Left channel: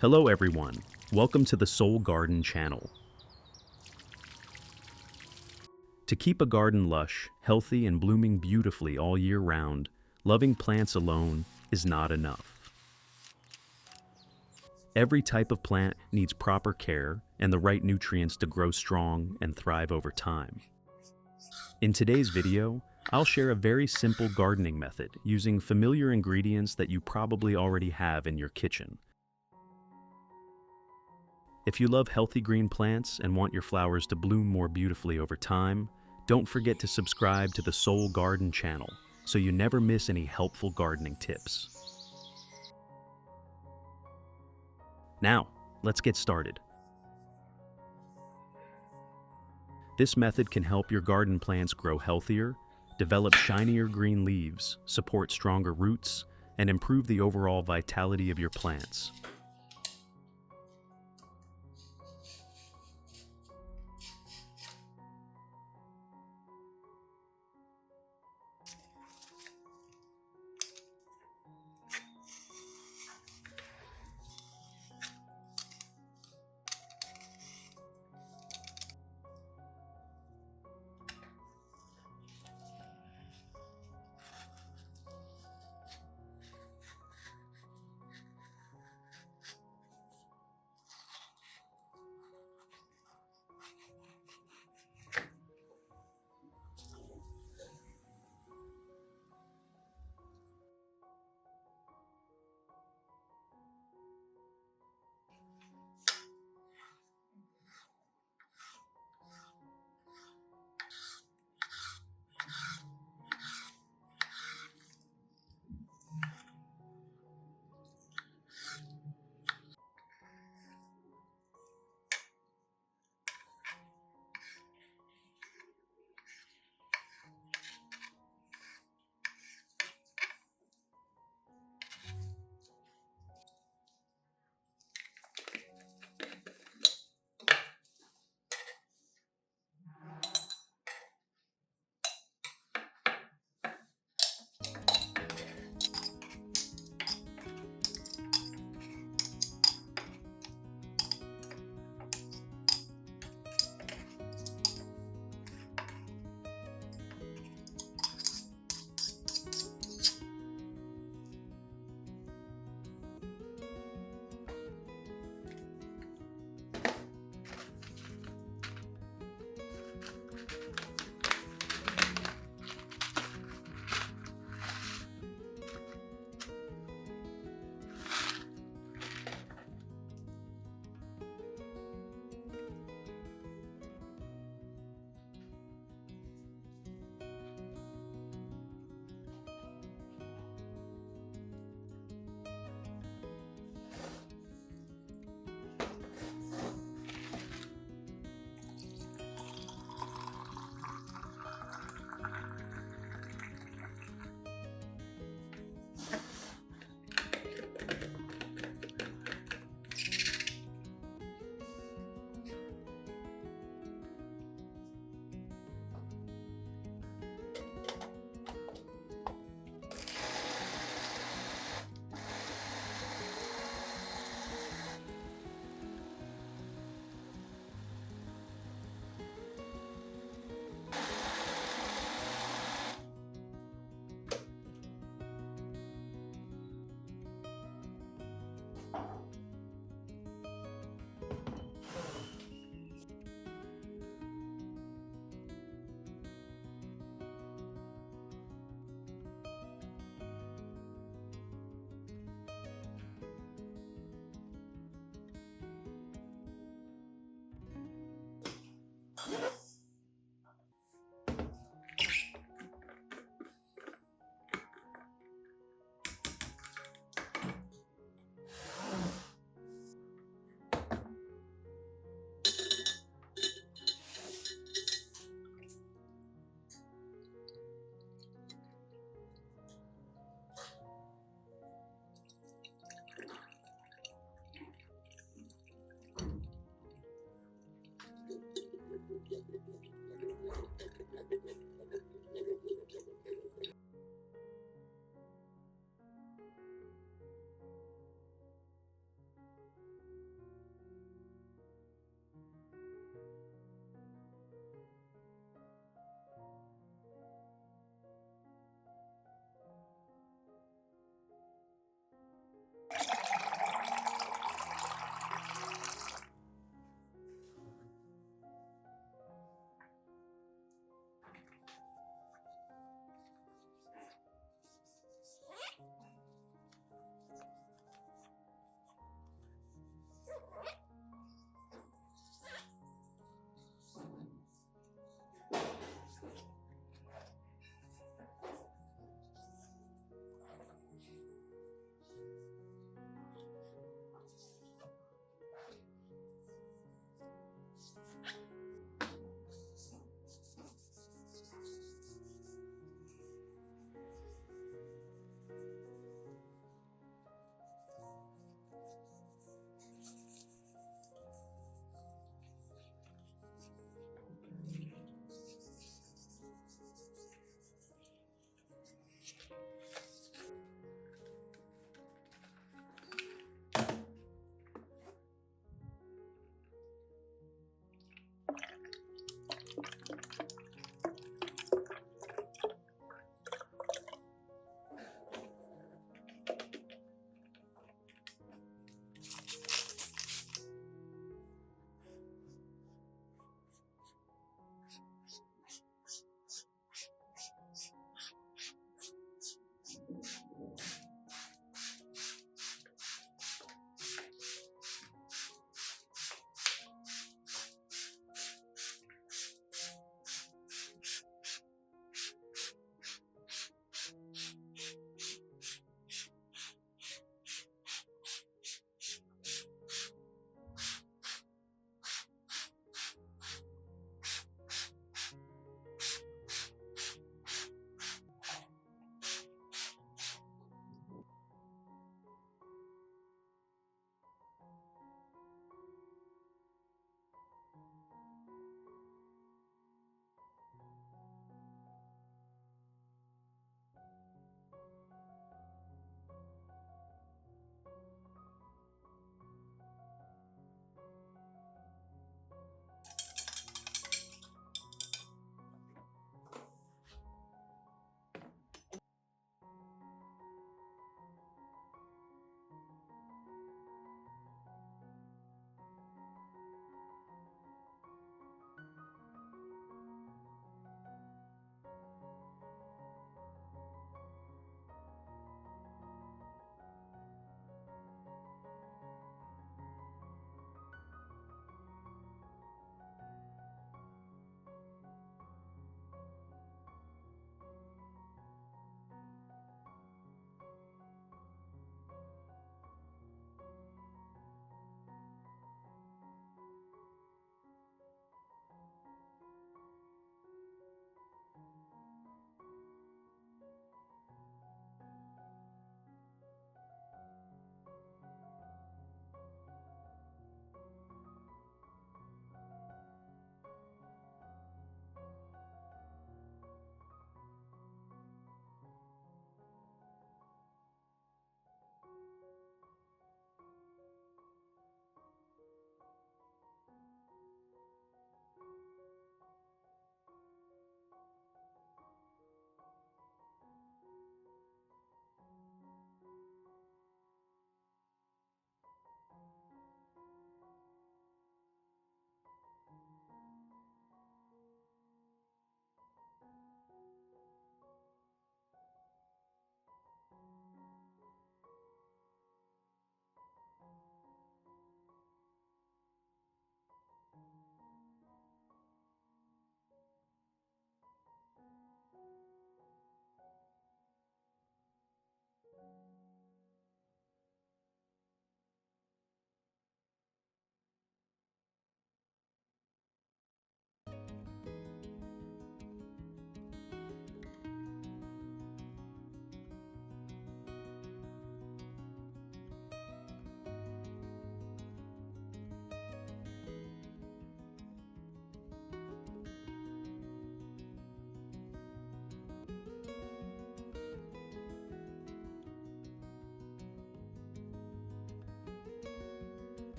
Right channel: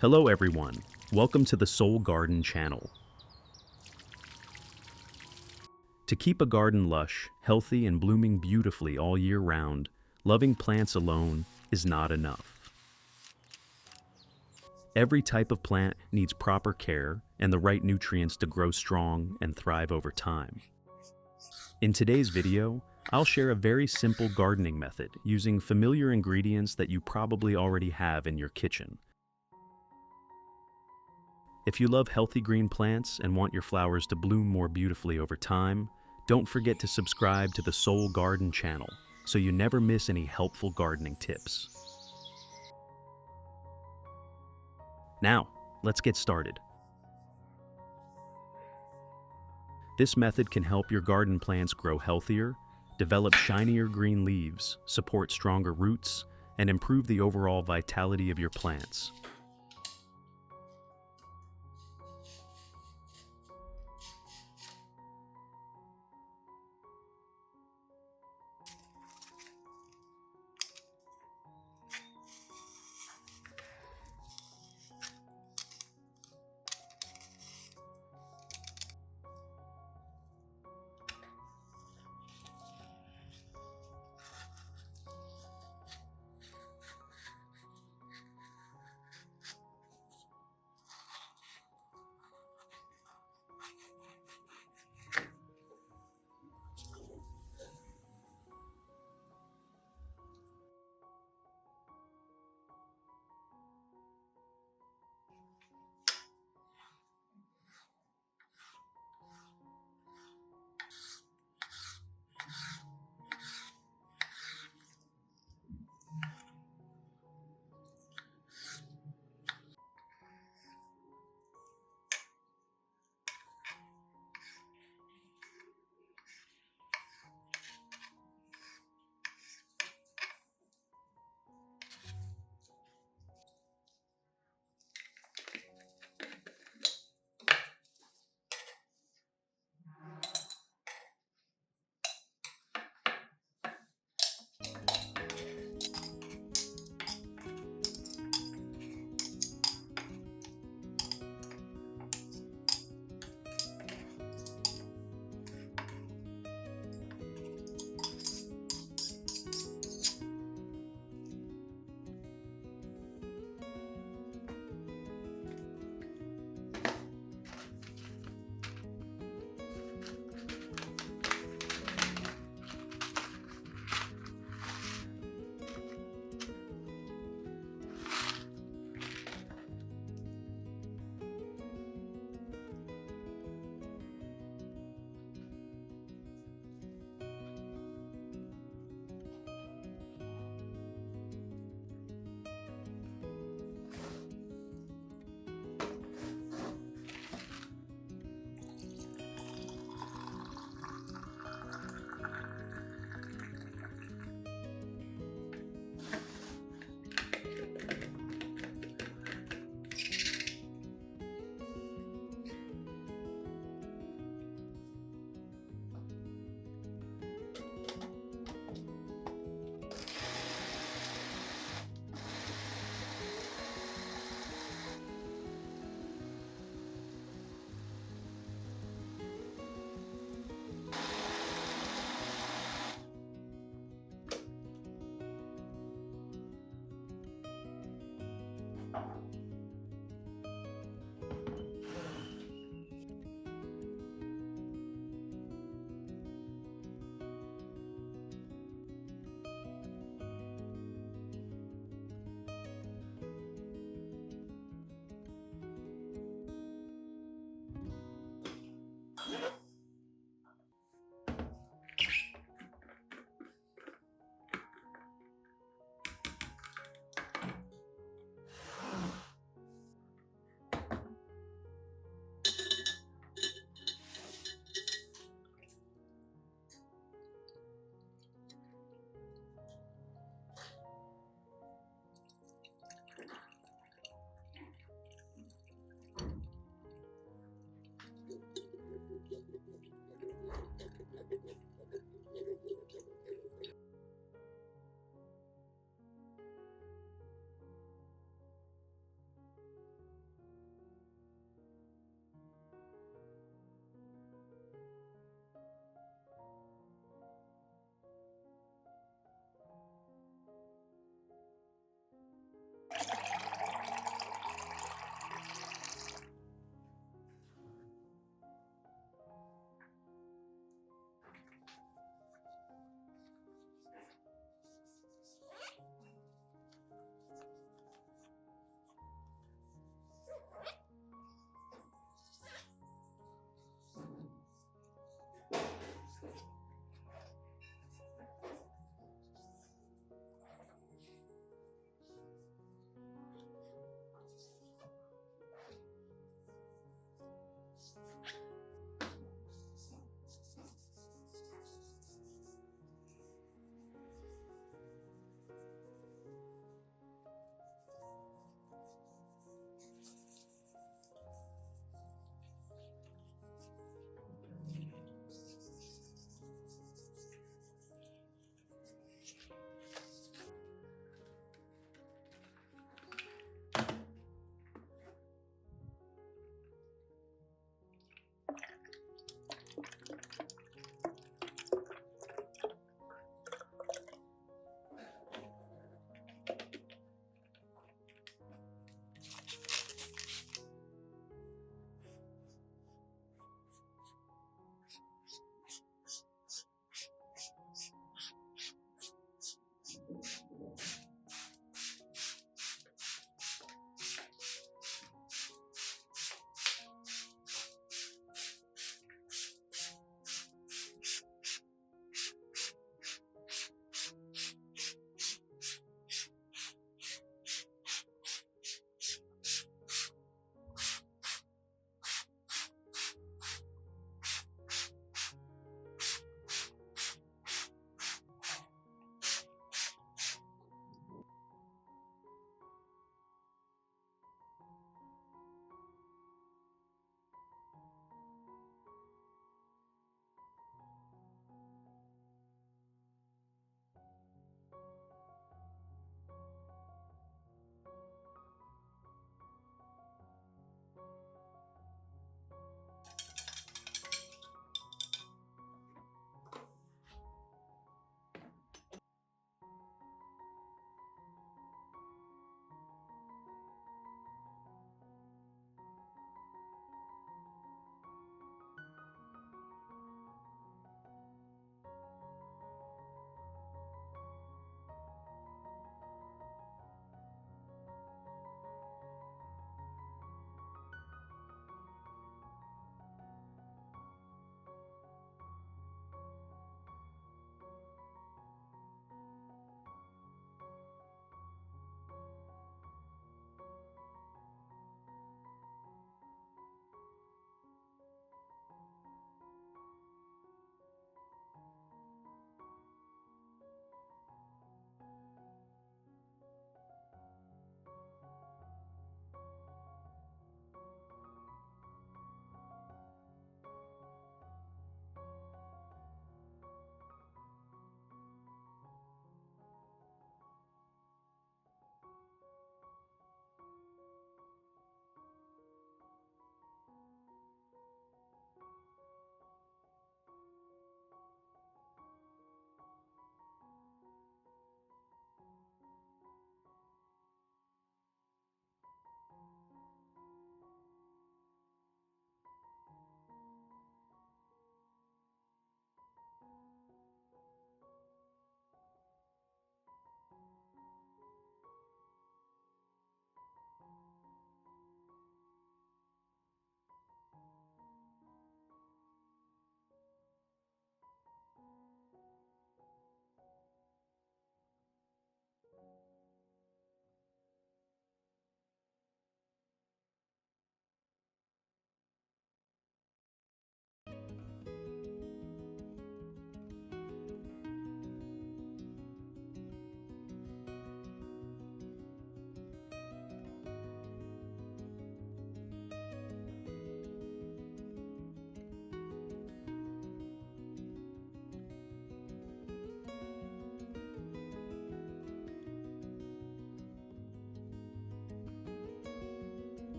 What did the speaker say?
Hello everyone, welcome to the Soul Garden channel. To keep a garden lush, healthy and blooming beautifully all year round, loving plants alone is not enough. Every type of plant needs proper care and the right nutrients to grow strong and thrive over time. In today's video, I'll share a very simple gardening method using familiar ingredients that you probably already have in your kitchen. If you love healthy green plants and want your flowers to bloom more beautifully over time, don't forget to subscribe to the Soul Garden channel so you never miss any helpful gardening tips. Now, let's get started. This method can help your garden plants grow healthier, develop shinier green leaves, support stronger roots, and improve the overall vitality of your plants.